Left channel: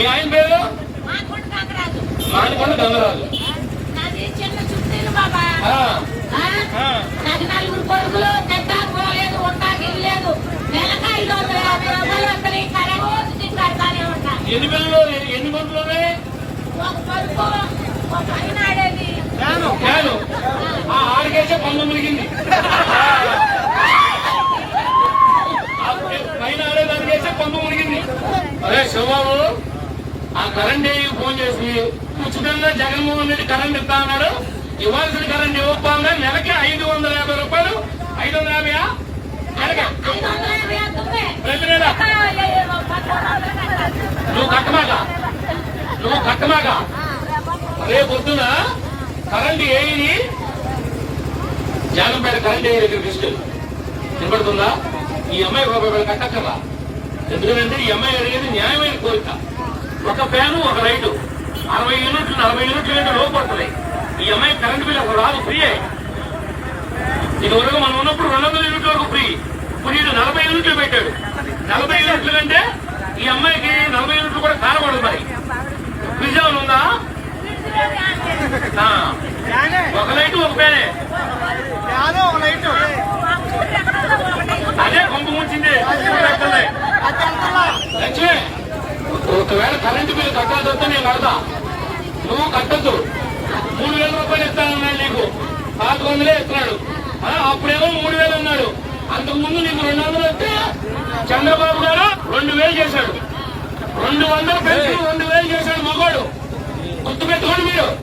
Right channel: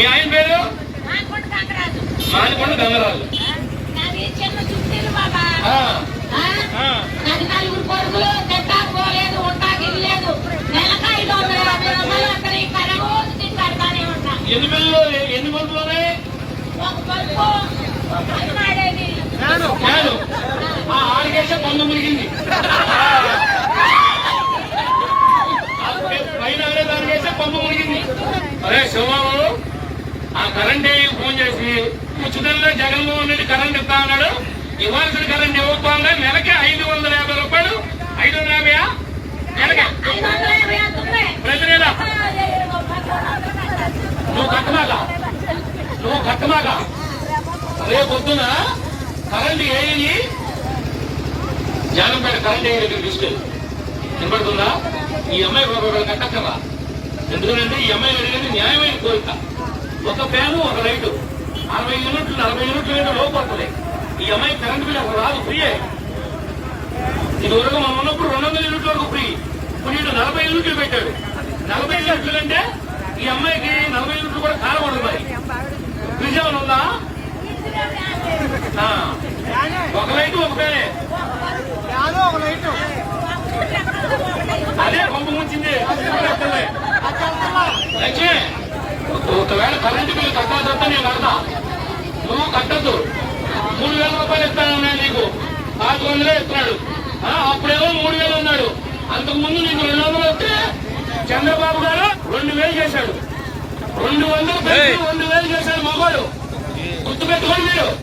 మీ ఆయన పేరు? మానికొండ గంగరాజు. నాది నలుగురు కొడుకులు తింటా పోలేదు ఉంటాకి లేదు నెలకు ఐదు వందల యాభై రూపాయలు ఉంటా ఎన్ని పిల్లలు ఎన్ని మందులు ఉన్నాయి? ఒక పలుపు ఒక పన్ను పైన పన్ను అరే శివబాబు. ఆ కరెంట్ ఏఈకి ఫోన్ చేసి ఉచితంగా జగన్మోహన్ రెడ్డి కరెంట్ ఇస్తా అన్నాడు. ఇవ్వాల్సిన కరెంట్ ఇవ్వకపోగా నెలకి ఐదు వందల యాభై రూపాయలు ఐదు వందల యాభై ప్రతి నెల నువ్వు కట్టమాక. నువ్వు కట్టమాక. రేపు పొద్దున కరెంట్ ఏఈని జానంపేట కరెంట్ ఏఈ దగ్గర తీసుకెళ్ళి. వినపడుతుందా? ఈ అమ్మాయి కట్టక్కరా ఎందుకంటే ఈ అమ్మాయి అడిగేది న్యాయమైన కోరిక. ఒక ఫ్యాను ఒక లైటు. అరవై యూనిట్లు నలభై యూనిట్లు అయితే లోపు వస్తుంది ఈ అమ్మాయి కరెంట్ బిల్ అసలు రాదు ఫ్రీయే. ఇది వరకు మనం ఉన్నప్పుడు రెండు వందల యూనిట్ల వరకు ఫ్రీ. ఇప్పుడు నలభై యూనిట్లు పెట్టాడు. నలభై యూనిట్లు కంటే ఈ అమ్మాయికి నలభై యూనిట్లు కూడా కాలబడుతున్నాయి మరి. ఫ్రిడ్జ్ ఏమైనా ఉందా? ఒక లైట్ ఒక పేరే అదే కొంప ముంచింది. లెక్కలే. లక్ష్మి, ఒకవేళ కరెంటు బిల్లు కట్టాల్సి వస్తే నేను కడతా. నువ్వు కట్టద్దు. మూడు వేల రూపాయలు ఇస్తానన్నాడు నీకు. నాలుగు వందలే ఇస్తున్నాడు. అప్పుడేమో మూడు వేలు అన్నాడు. అంతకు ముందు నీకు రెండు వందలు వస్తే చంద్రబాబు గారు రెండు వేలు చేశాడు. రెండు వందలు రెండు వేలు చేశాడు మగవాడు. గుర్తుపెట్టుకోండి మీరు.